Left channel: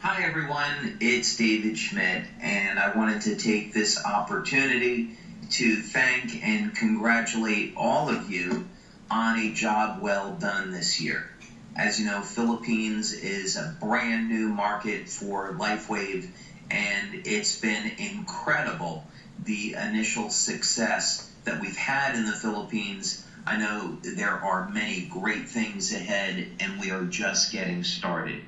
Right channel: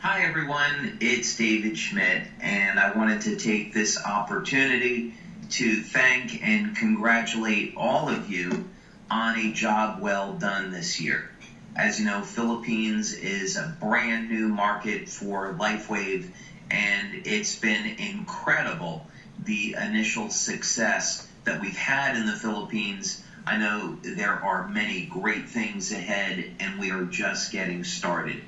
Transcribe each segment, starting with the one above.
Hi everyone, it's David Schmidt, and I wanted to take this opportunity to thank and congratulate all of you on a job well done this year. As you know, Philippines is a brand new market for Lifewave, and it's been incredible, the initial success that we've had in the Philippines. I know there are many great things ahead, and we are just getting started.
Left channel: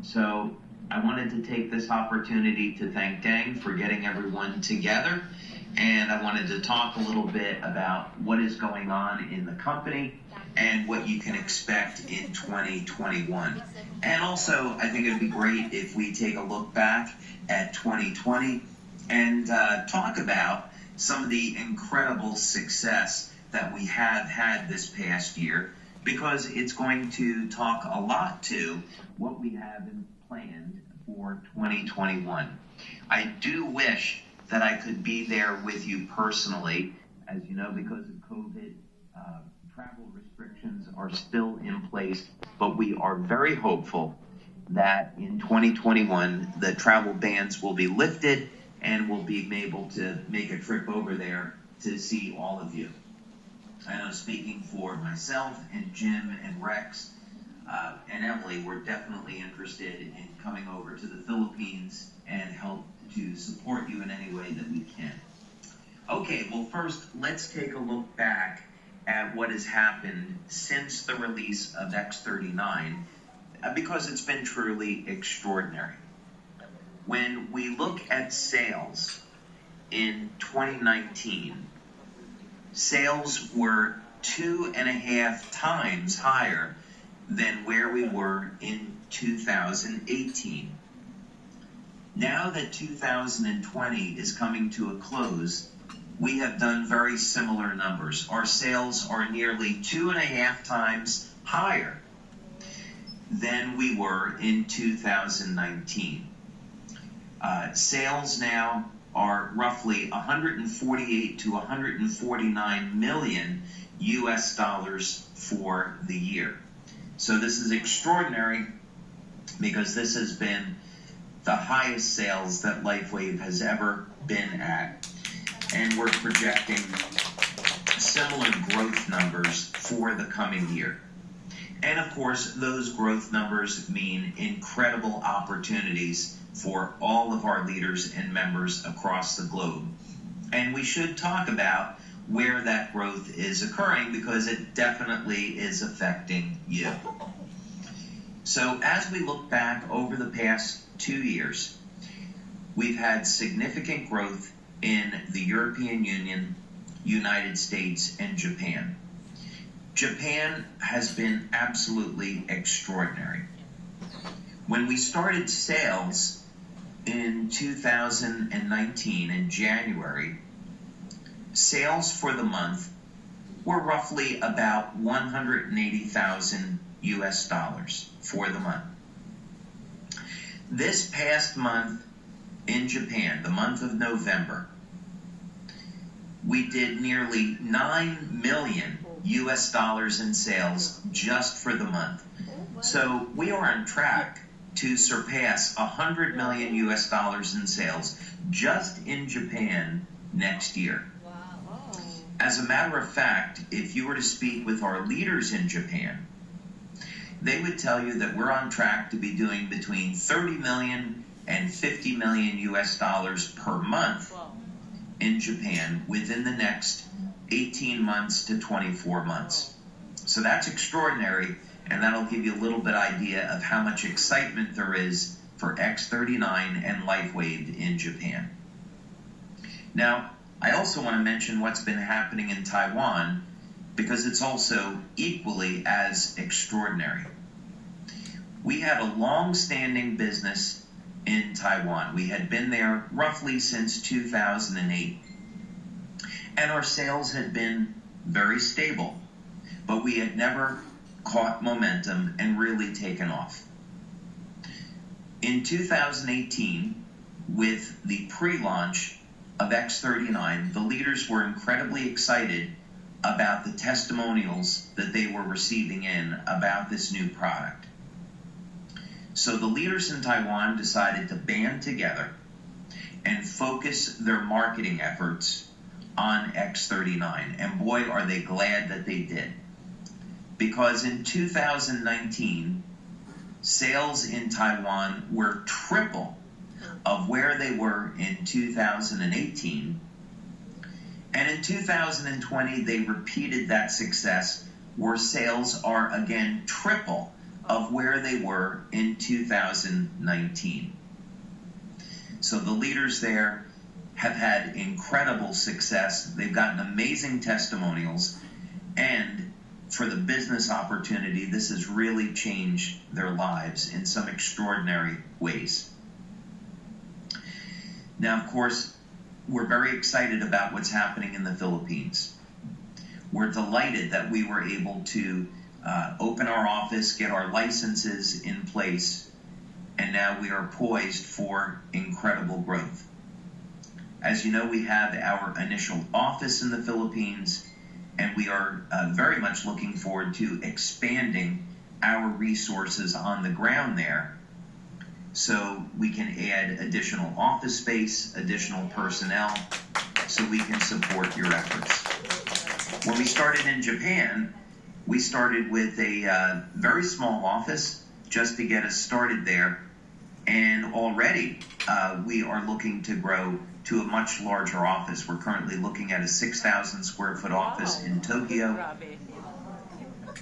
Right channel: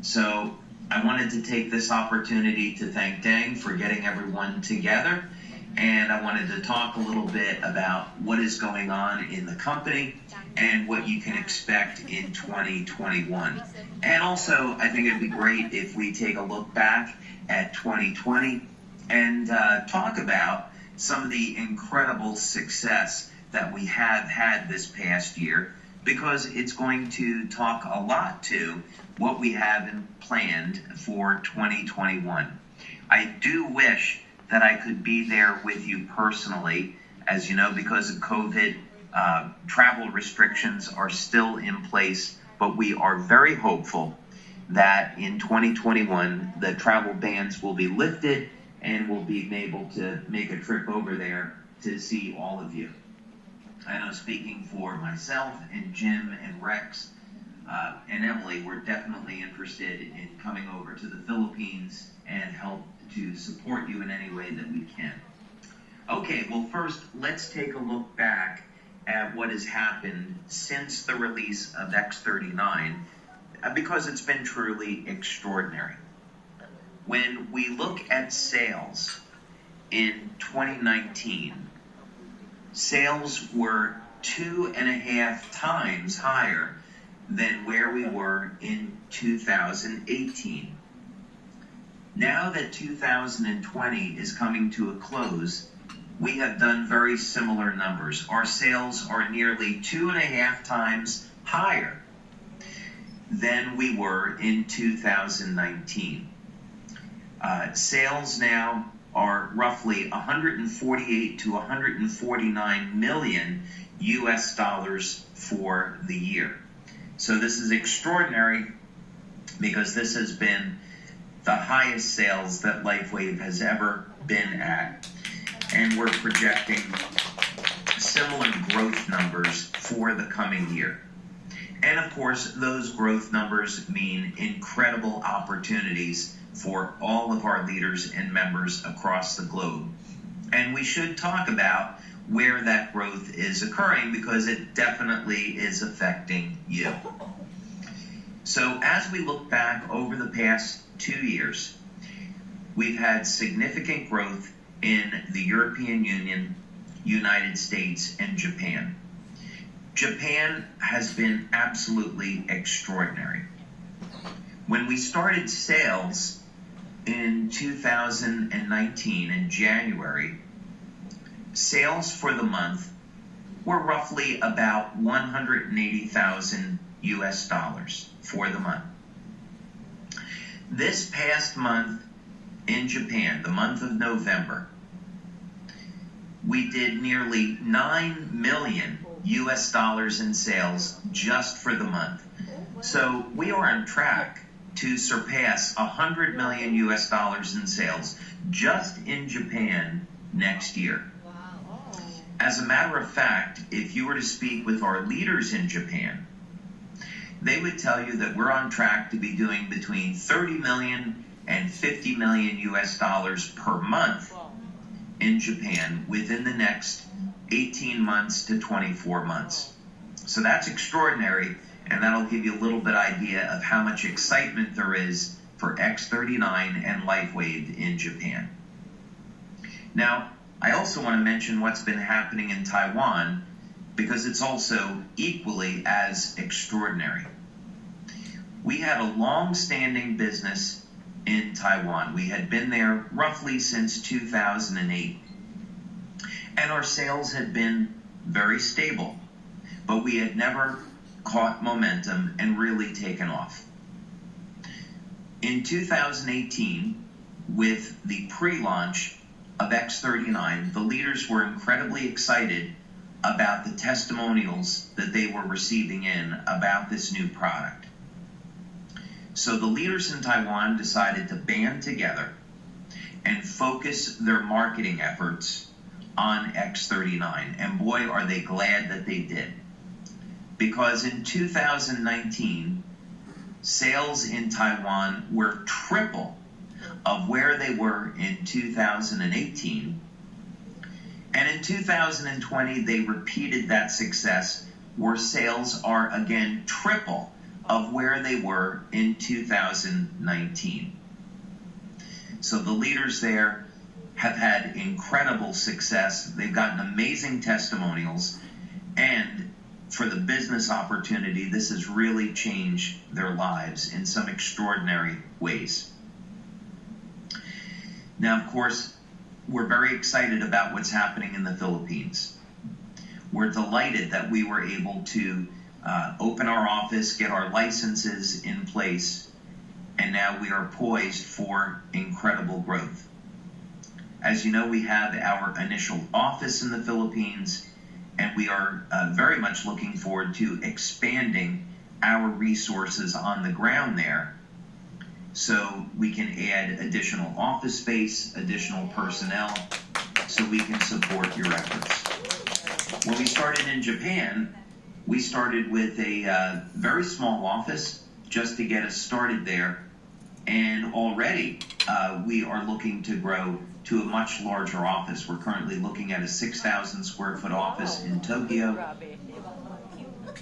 So I wanted to take this opportunity to thank Deng for getting everyone together, and I wanted to talk a little bit about what is going on in the company and what you can expect in 2021. And also, I think it'd be great if we take a look back at 2020 and talk about some of the incredible success that we have had this past year, because it's going to talk a lot to what we have planned for 2021. I do wish that I could be there with you personally. As you know, because of COVID, travel restrictions are still in place, but we are very hopeful that in 2021 the travel bans will be lifted and we'll be able to make a trip over there to see all of you. I know, speaking for myself and Jim and Rex and Emily, we're definitely interested in coming over to the Philippines and help to support you in any way that we can. Okay, well, first, let's take a look back at what has happened since the release of X39, because it's been truly extraordinary. When we look at sales in 2019, sales were 2.5 times higher than where we were in 2018. Now that 2020 is coming to a close, we have done very similar numbers. Our sales are nearly 2.5 times higher than we were in 2019. Sales now are roughly 148 to 149 million US dollars for the year. So this is extraordinary, because this has been the highest sales that Lifewave has ever been at, and we're projecting similar growth numbers for the coming year. And of course, those growth numbers mean incredible opportunities for all of our leaders and members across the globe. And we should talk about where that growth is occurring, because it definitely is affecting you. So as we look back over the past 2 years, we've had significant growth in the European Union, United States, and Japan. Japan has been absolutely extraordinary. When we started sales in 2019 in January, sales for the month were roughly about 180,000 US dollars for the month. This past month in Japan, the month of November, we did nearly 9 million US dollars in sales just for the month. So we are on track to surpass 100 million US dollars in sales just in Japan next year. As a matter of fact, if you were to speak with our leaders in Japan, they would tell you that we're on track to be doing between 30 million and 50 million US dollars per month in Japan within the next 18 months to 24 months. So that's extraordinary, and that'll give you a little bit idea of how much excitement there is for X39 and Lifewave in Japan. Now, I also want to mention what's been happening in Taiwan, because it's also equally as extraordinary. We had a long-standing business in Taiwan. We had been there roughly since 2008, and our sales had been very stable, but we had never caught momentum and really taken off. In 2018, with the pre-launch of X39, the leaders were incredibly excited about the testimonials that they were receiving in about this new product. So the leaders in Taiwan decided to band together and focus their marketing efforts on X39. And boy, are they glad that they did. Because in 2019, sales in Taiwan were triple of where they were in 2018. And in 2020, they repeated that success, where sales are again triple of where they were in 2019. So the leaders there have had incredible success. They've gotten amazing testimonials, and for the business opportunity, this has really changed their lives in some extraordinary ways. Now, of course, we're very excited about what's happening in the Philippines. We're delighted that we were able to open our office, get our licenses in place, and now we are poised for incredible growth. As you know, we have our initial office in the Philippines, and we are very much looking forward to expanding our resources on the ground there, so we can add additional office space, additional personnel, so we can support your efforts. When we started in Japan, we started with a very small office just to get us started there, and already we are looking to grow to a much larger office. We're currently looking at a 6,000 square foot office in Tokyo.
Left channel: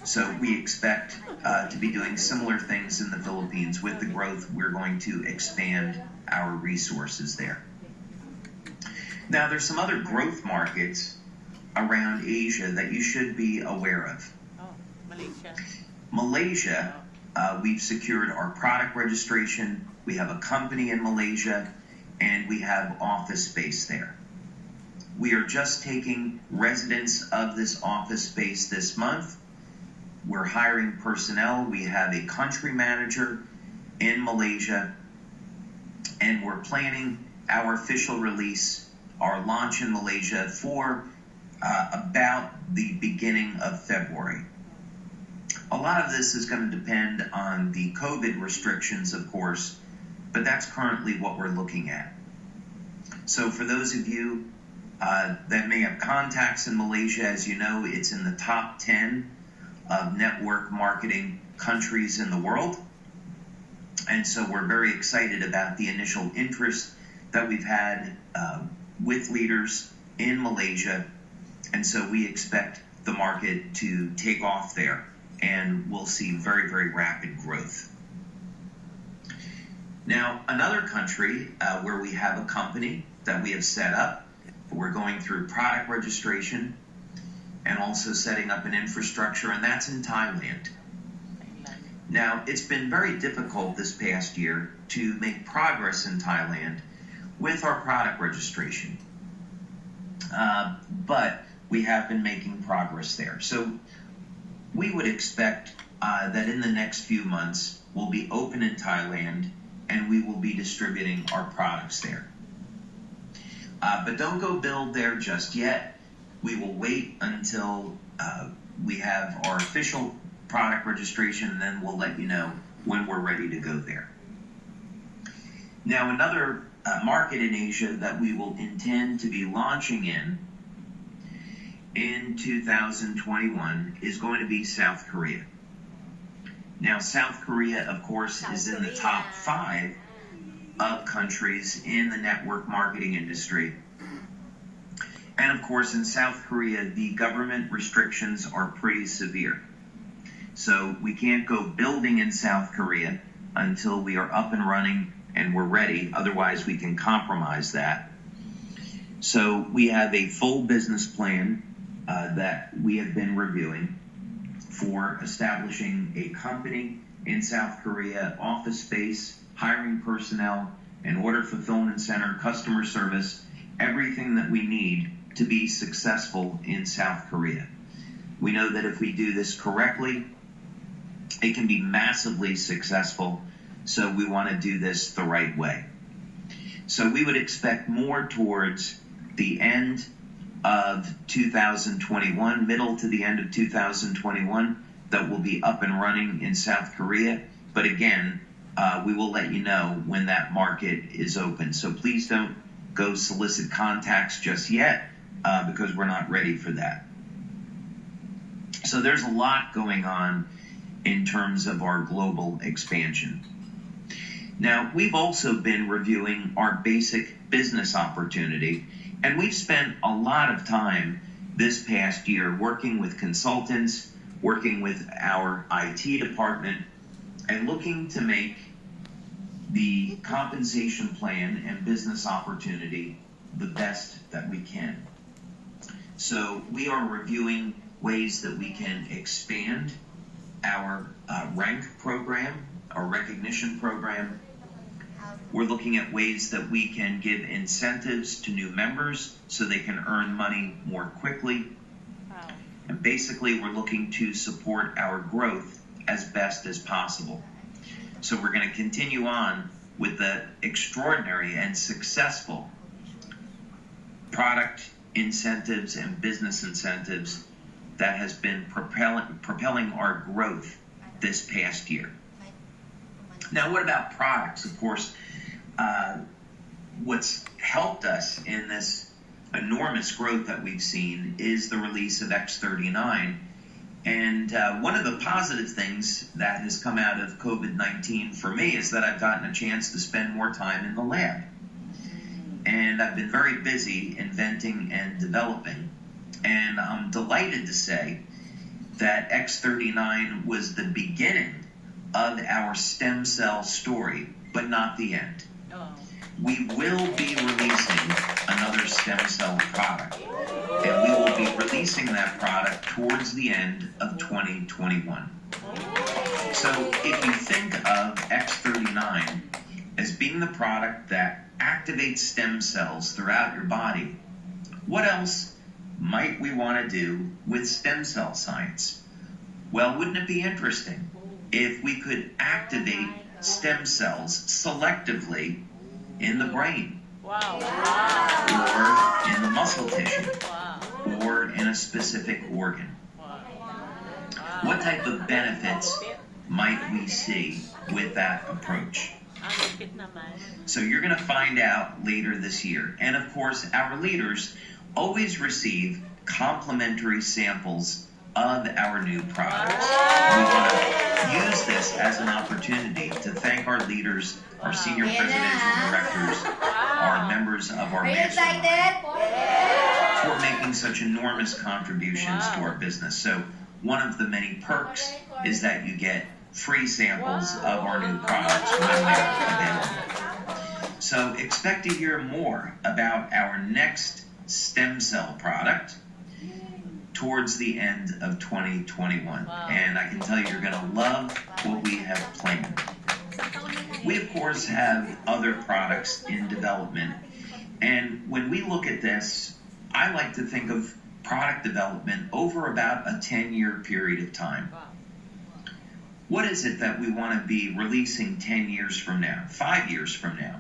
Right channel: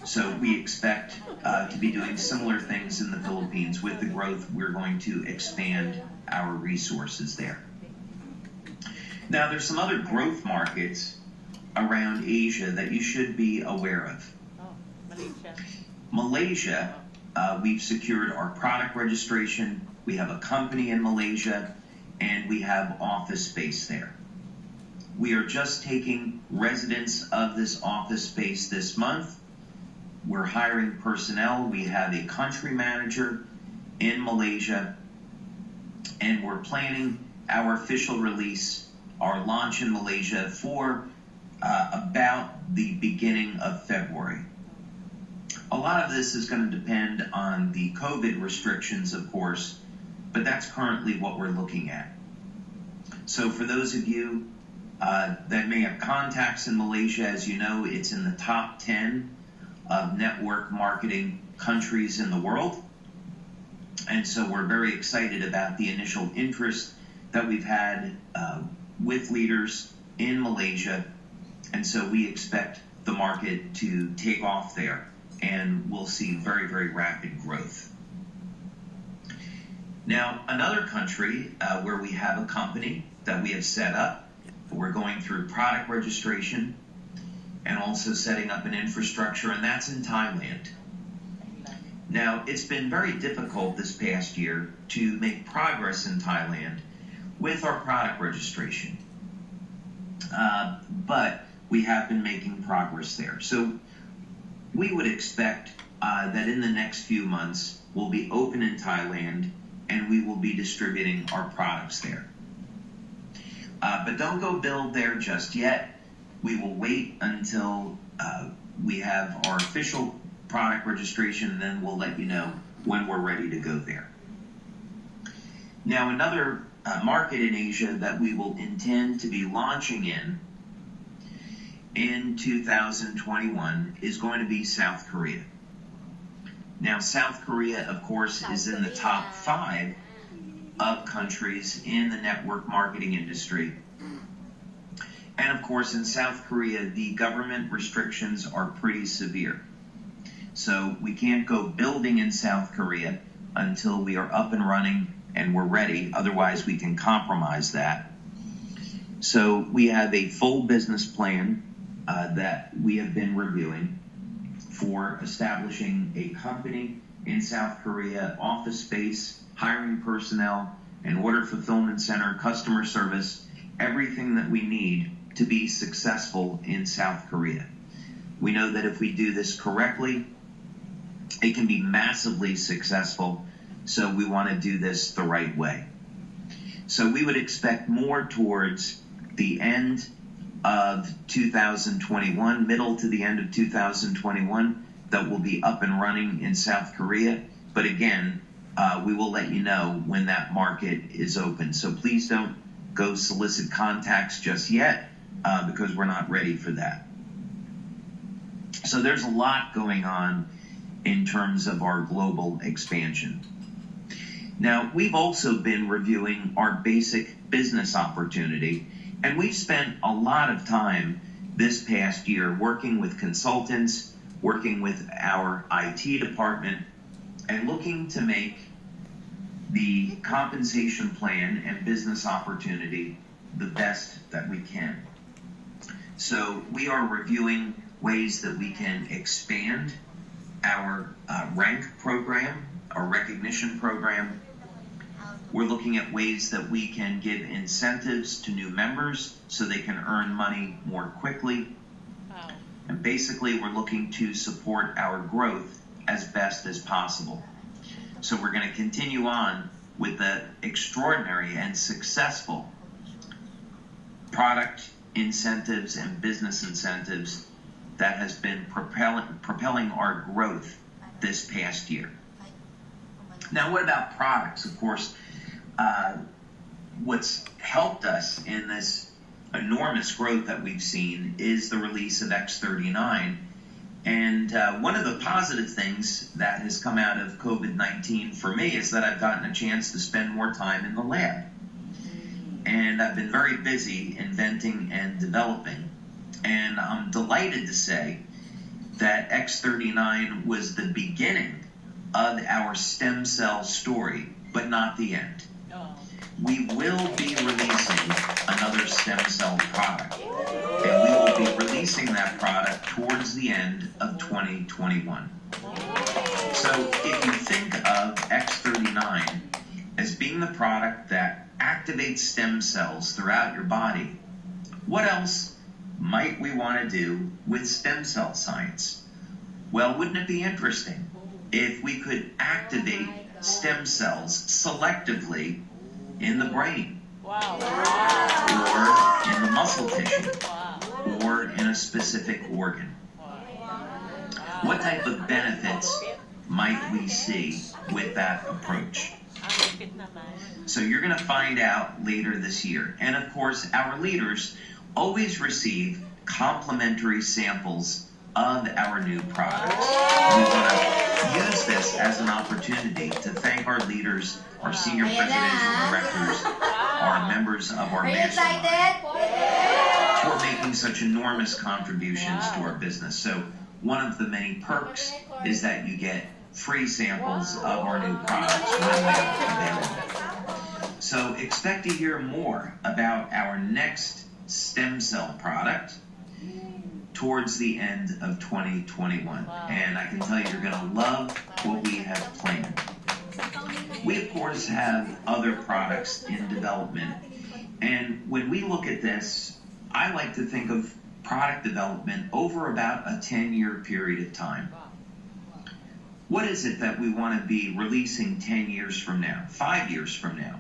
So we expect to be doing similar things in the Philippines. With the growth, we're going to expand our resources there. Now, there's some other growth markets around Asia that you should be aware of. Malaysia, we've secured our product registration. We have a company in Malaysia, and we have office space there. We are just taking residents of this office space this month. We're hiring personnel. We have a country manager in Malaysia, and we're planning our official release, our launch in Malaysia, for about the beginning of February. A lot of this is going to depend on the COVID restrictions, of course, but that's currently what we're looking at. So for those of you that may have contacts in Malaysia, as you know, it's in the top 10 of network marketing countries in the world. And so we're very excited about the initial interest that we've had with leaders in Malaysia. And so we expect the market to take off there, and we'll see very, very rapid growth. Now, another country where we have a company that we have set up, we're going through product registration and also setting up an infrastructure, and that's in Thailand. Now, it's been very difficult this past year to make progress in Thailand with our product registration, but we have been making progress there. So we would expect that in the next few months we'll be open in Thailand, and we will be distributing our products there. But don't go build there just yet. We will wait until we have our official product registration, and then we'll let you know when we're ready to go there. Now, another market in Asia that we will intend to be launching in 2021 is going to be South Korea. Now, South Korea, of course, is in the top 5 of countries in the network marketing industry. And of course, in South Korea, the government restrictions are pretty severe. So we can't go building in South Korea until we are up and running and we're ready. Otherwise, we can compromise that. So we have a full business plan that we have been reviewing for establishing a company in South Korea, office space, hiring personnel, an order fulfillment center, customer service, everything that we need to be successful in South Korea. We know that if we do this correctly, it can be massively successful, so we want to do this the right way. So we would expect more towards the end of 2021, middle to the end of 2021, that will be up and running in South Korea. But again, we will let you know when that market is open. So please don't go solicit contacts just yet, because we're not ready for that. So there's a lot going on in terms of our global expansion. Now, we've also been reviewing our basic business opportunity, and we've spent a lot of time this past year working with consultants, working with our IT department, and looking to make the compensation plan and business opportunity the best that we can. So we are reviewing ways that we can expand our rank program, our recognition program. We're looking at ways that we can give incentives to new members so they can earn money more quickly. Wow. And basically, we're looking to support our growth as best as possible. So we're going to continue on with the extraordinary and successful product incentives and business incentives that has been propelling our growth this past year. Now, what about products? Of course, what's helped us in this enormous growth that we've seen is the release of X39. And one of the positive things that has come out of COVID-19 for me is that I've gotten a chance to spend more time in the lab. And I've been very busy inventing and developing. And I'm delighted to say that X39 was the beginning of our stem cell story, but not the end. We will be releasing another stem cell product, and we will be releasing that product towards the end of 2021. So if you think of X39 as being the product that activates stem cells throughout your body, what else might we want to do with stem cell science? Well, wouldn't it be interesting if we could activate stem cells selectively in the brain, or in the muscle tissue, or in a specific organ? What type of benefits might we see with that approach? So you're going to find out later this year. And of course, our leaders always receive complimentary samples of our new products. We want to use this as an opportunity to thank our leaders, our senior presidential directors, our members of our mastermind for making such enormous contributions to our business. So one of the many perks is that you get free samples of our new products when they're available. So expect to hear more about our next stem cell product towards the end of 2021. And I can tell you, you're going to love what we have planned. We, of course, have other products in development. And when we look at this, I like to think of product development over about a 10-year period of time. What is it that we want to be releasing 10 years from now, 5 years from now,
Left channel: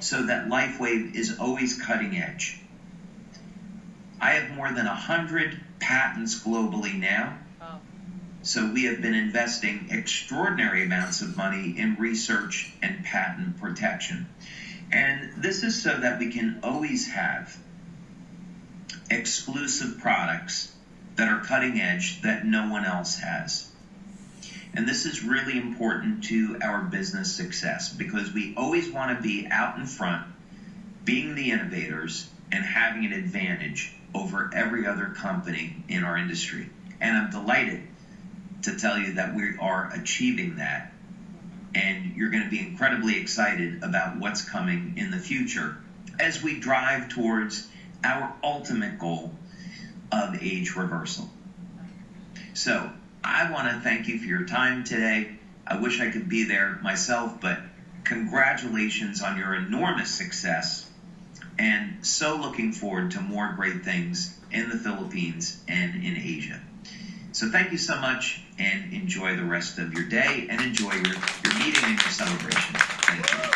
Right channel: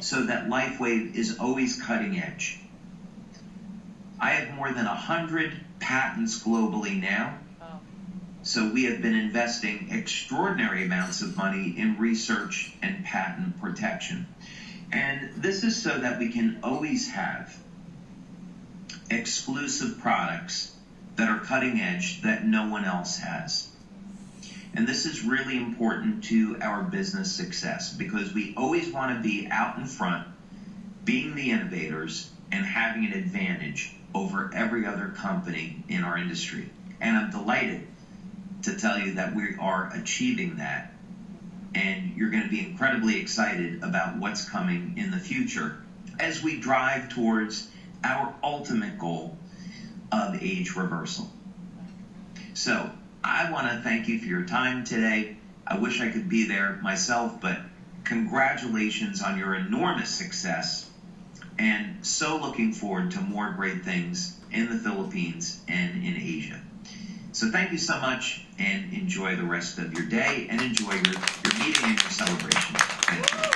so that Lifewave is always cutting edge? I have more than 100 patents globally now. So we have been investing extraordinary amounts of money in research and patent protection. And this is so that we can always have exclusive products that are cutting edge that no one else has. And this is really important to our business success because we always want to be out in front, being the innovators, and having an advantage over every other company in our industry. And I'm delighted to tell you that we are achieving that. And you're going to be incredibly excited about what's coming in the future as we drive towards our ultimate goal of age reversal. So I want to thank you for your time today. I wish I could be there myself, but congratulations on your enormous success. And so looking forward to more great things in the Philippines and in Asia. So thank you so much, and enjoy the rest of your day, and enjoy your meeting and your celebration. Thank you.